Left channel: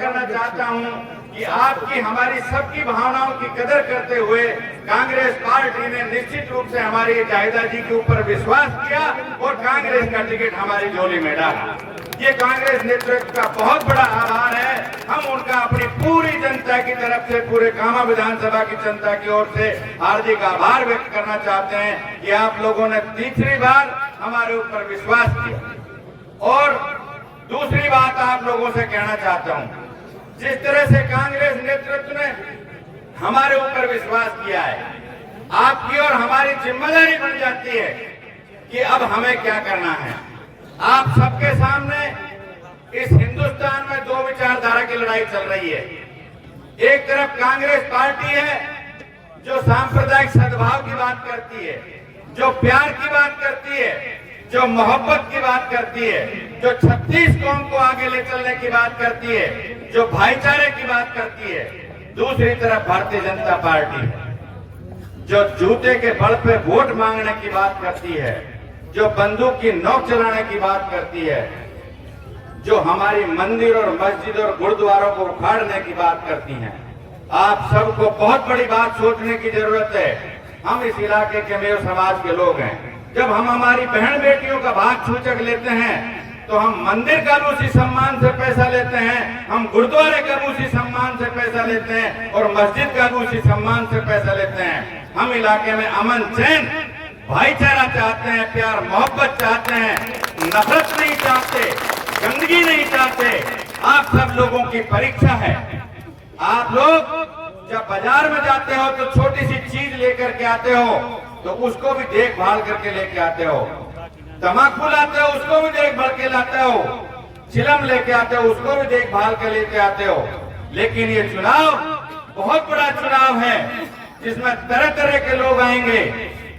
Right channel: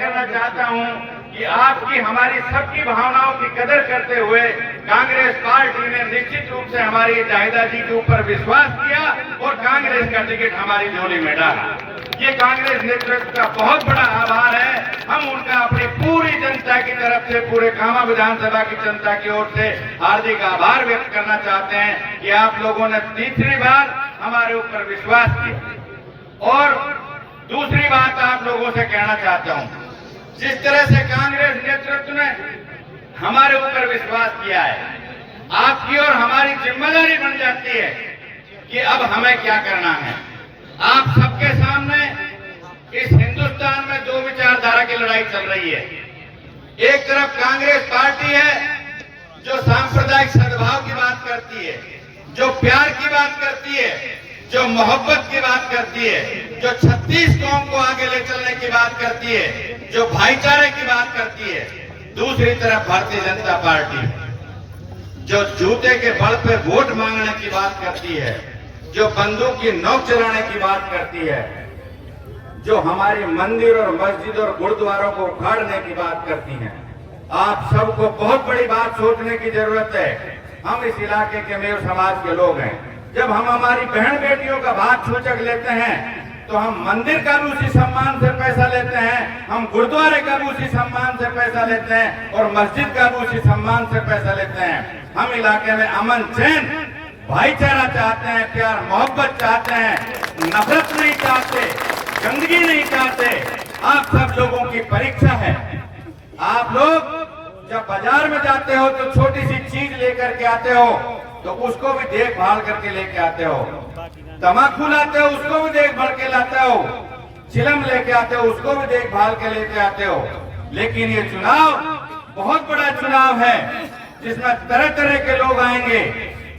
करना चाहता हूं कि आपकी हमारी सबकी भावनाओं की कदर करते हुए कांग्रेस पार्टी ने निश्चित रूप से हमारी जाहिदा जी के ऊपर विश्वास किया और कांग्रेस का टिकट हमारी झोली में डाला। ये कांग्रेस नेतृत्व का बहुत बड़ा आभार है। हम उनका अपनी पूरी जनता की तरफ से, पूरे कामा विधानसभा की जनता की ओर से हार्दिक आभार व्यक्त करना चाहते हैं कि आप लोगों ने तीसरी बार हमारे ऊपर विश्वास किया। और दूसरी बात आप लोगों से कहना चाहता हूं, जिस तरह से कांग्रेस नेतृत्व ने हमारे ऊपर विश्वास किया है, आपकी और हमारी जिम्मेदारी बन जाती है कि अब हमें क्या करना है। आप सबके सामने इस हिंदुस्तान में दो विचारधारा की लड़ाई चल रही है। एक तरफ कांग्रेस पार्टी है जो सांप्रदायिक सद्भाव की बात करती है, जो प्यार की बात करती है, जो मोहब्बत की बात करती है, जो 36 कौम को आगे ले चलने की बात करती है, जो भाईचारे की बात करती है। दूसरी तरफ भारतीय जनता पार्टी जो जूते के बल पे वोट मांगने की बात करती है, जो बंदूक की नोक चलाने की बात करती है, जो हमारी मंदिर और मस्जिद और गुरुद्वारों को उखाड़ने की बात करती हैं। आप सबको बहुत बड़ी बात सोचने की जरूरत है। हम इस इलाके के मेयर समाज के लोग हैं। जब हम हमारी बहन बेटियों का भाग छूचक लेते हैं तो हम मंदिर का भी उसी सम्मान से पैसा लेते हैं, हम गुरुद्वारे का भी उसी सम्मान से पैसा लेते हैं और मस्जिद का भी उसी सम्मान से पैसा लेते हैं। हम इलाके में अमन चैन भाईचारा चाहते हैं, प्यार मोहब्बत चाहते हैं, नफरत नहीं चाहते, गंदगी नहीं चाहते। आप सब लोगों की परीक्षा है। आप लोग जब बाजार में जाते हो तो छोटी सी चीज लेकर के आते हो तो उसको भी देखभाल करके लेके आते हो। तम्बाकू लाते हो उसको भी देखभाल के लाते हो, चिलम लेके आते हो उसको भी देखभाल के लेके आते हो। लेकिन ये चुनाव बहुत बड़ा चुनाव है जिसमें तरह तरह के लोग आएंगे,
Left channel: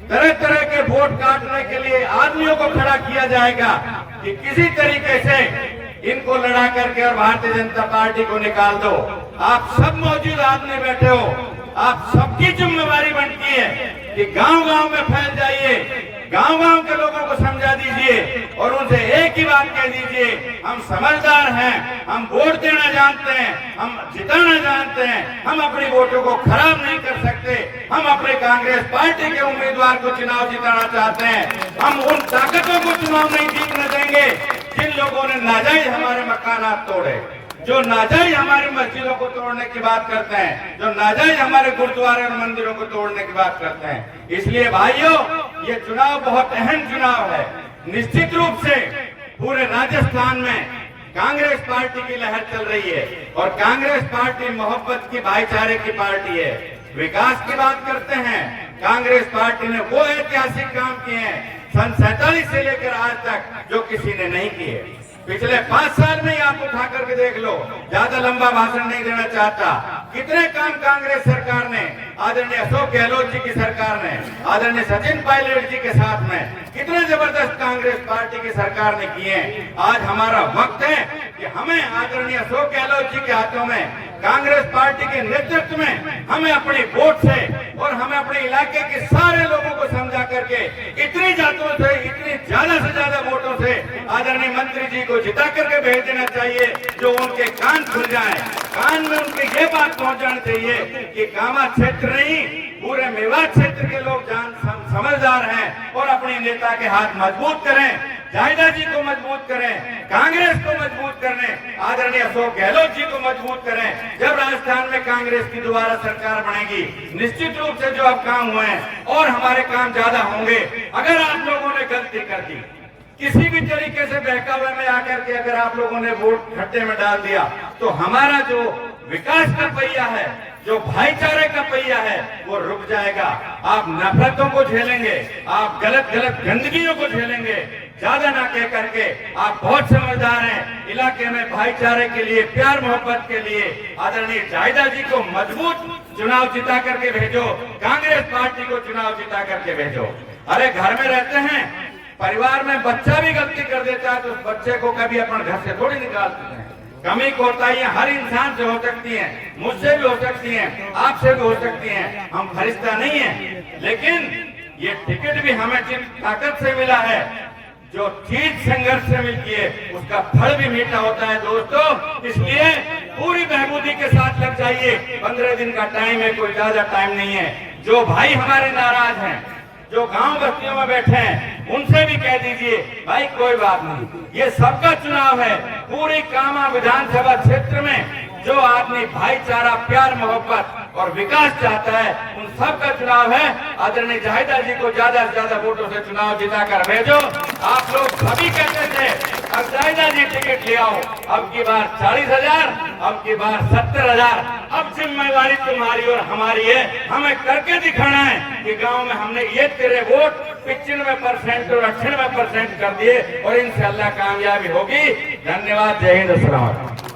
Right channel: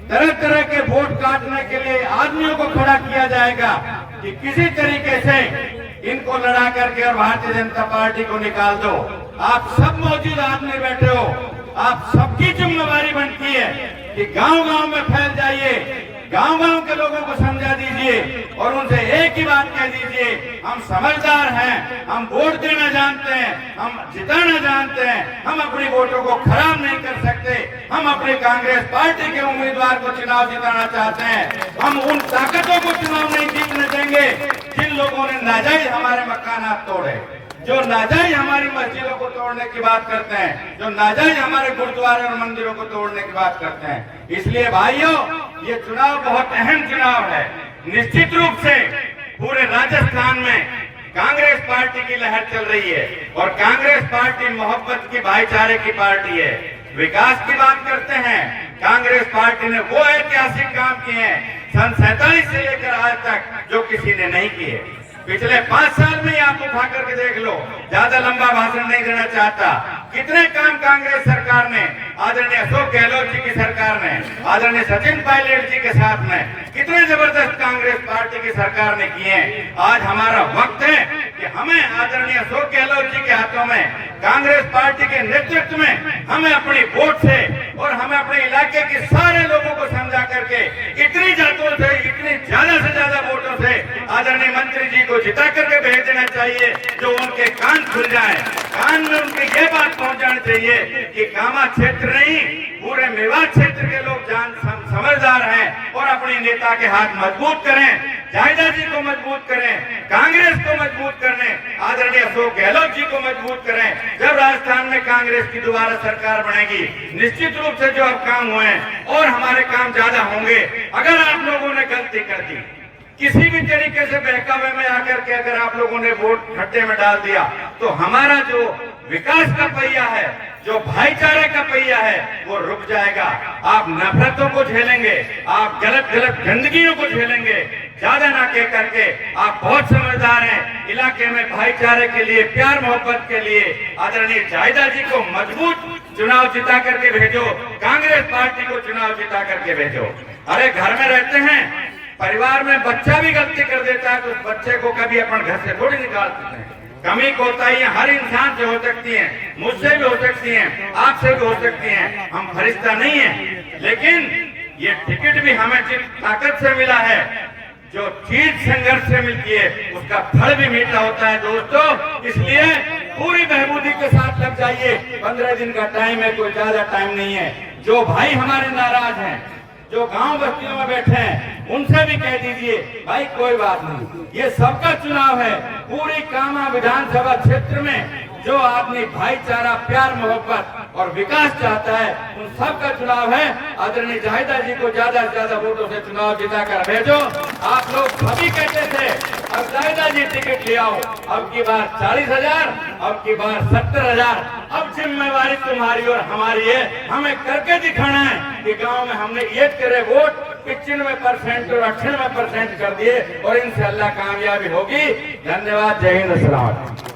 तरह तरह के वोट काटने के लिए आदमियों को खड़ा किया जाएगा कि किसी तरीके से इनको लड़ा करके और भारतीय जनता पार्टी को निकाल दो। आप सब मौजूद आदमी बैठे हो, आप सबकी जिम्मेदारी बनती है कि गांव-गांव में फैल जाइए, गांव-गांव के लोगों को समझा दीजिए और उनसे एक ही बात कह दीजिए, हम समझदार हैं, हम वोट देना जानते हैं, हम जिताना जानते हैं, हम अपनी वोटों को खराब नहीं कर सकते। हम अपने कांग्रेस पार्टी के उम्मीदवार को चुनाव जिताना चाहते हैं। हम उन ताकतों को चुनाव नहीं जीतने देंगे जिन लोगों ने नाजायज हमारे मकानात तोड़े, जो नाजायज हमारी मस्जिदों को तोड़ने की बात करते हैं, जो नाजायज हमारे गुरुद्वारे और मंदिरों को तोड़ने की बात करते हैं। इसलिए भाइयों, ये चुनाव बहुत अहम चुनाव है। निश्चित रूप से पूरे राजस्थान में कांग्रेस पार्टी की लहर चल रही है और कांग्रेस पार्टी मोहब्बत की, भाईचारे की पार्टी है। विकास की बात करते हैं, कांग्रेस पार्टी ने वो ऐतिहासिक काम किए हैं सन 47 से लेकर आज तक जो किसी ने नहीं किए। पिछले 5 साल में आप उठा करके देख लो, ज्यादा लंबा भाषण नहीं देना चाहता। कितने काम कांग्रेस सरकार ने, आदरणीय अशोक गहलोत जी की सरकार ने, आदरणीय सचिन पायलट जी के साथ में कितने जबरदस्त कांग्रेस पार्टी की सरकार ने किए हैं। आज हमारा वक्त है कि हमें आदरणीय अशोक गहलोत जी के हाथों में, कांग्रेस पार्टी के नेतृत्व में हमें अपनी वोट से और हमें अपने इलाके के सारे लोगों को समझा करके इतनी जातों से, इतनी ज्यादा से ज्यादा वोटों से आदरणीय मंत्री जी को जिता करके भेज देना चाहिए, जो उनके कान खुल जाए, कान में उनके ये बात पहुंच जानी चाहिए कि कामा क्षेत्र नहीं, पूरे मेवात क्षेत्र के लोग समझदार हैं और अपने नेता के हाथ मजबूत करें, जाहिदा जी को मजबूत करें, कांग्रेस को मजबूत करें, आदरणीय अशोक गहलोत जी को मजबूत करें। जब राजस्थान में कांग्रेस की दोबारा सरकार बनेगी, निश्चित रूप से जो अब काम हुए हैं और हमारे काम ज्यादा होंगे। अगर आप लोगों ने गलती कर दी, किसी भी तरीके से बहकावे में आकर के अगर आप लोगों ने वोट खड्डे में डाल दिया, तो हमारा जो विकास का पहिया है, जो भाईचारे का पहिया है, वो रुक जाएगा। आप नफरतों को झेलेंगे, आप गलत गलत गंदगियों को झेलेंगे। ज्यादा ना कह करके आप बहुत समझदार हैं। इलाके में भाईचारे के लिए, प्यार मोहब्बत के लिए आदरणीय जाहिदा जी को मजबूत चुनाव जिता करके भेजो, कांग्रेस पार्टी को चुनाव जिता करके भेजो। अरे घर में रहते हैं, परिवार में बच्चा भी गलती कर देता है तो उस बच्चे को कभी अपने घर से थोड़ी निकाल सकते हैं। कमी कोताहियां हर इंसान से हो सकती हैं, मुझसे भी हो सकती हैं, आपसे भी हो सकती हैं। हम फरिश्ता नहीं हैं, लेकिन ये टिकट भी हमें जिस ताकत से मिला है, जो चीज संघर्ष से मिलती है, उसका फल भी मीठा होता है दोस्तों। इसलिए पूरी महबूदी के साथ लग जाइए। 15 दिन का टाइम है, कोई ज्यादा टाइम नहीं है। जो भाई हमारे नाराज हैं, जो गांव बस्तियों में बैठे हैं, उनसे भी कह दीजिए भाई कोई बात नहीं, ये सबका चुनाव है। पूरी कामा विधानसभा क्षेत्र में जो आदमी भाईचारा, प्यार, मोहब्बत और विकास चाहता है, उन सबका चुनाव है। आदरणीय जाहिदा जी को ज्यादा से ज्यादा वोटों से चुनाव जिताकर भेजो। आप लोग सभी कहते थे अब जाहिदा जी टिकट ले आओ, अब की बार 40,000, अब की बार 70,000। अब जिम्मेवारी तुम्हारी और हमारी है, हमें करके दिखाना है कि गांव में हमने ये तेरे वोट 95% और 98% कर दिए और इंशाअल्लाह कामयाबी होगी। धन्यवाद। जय हिंद। अस्सलाम वालेकुम।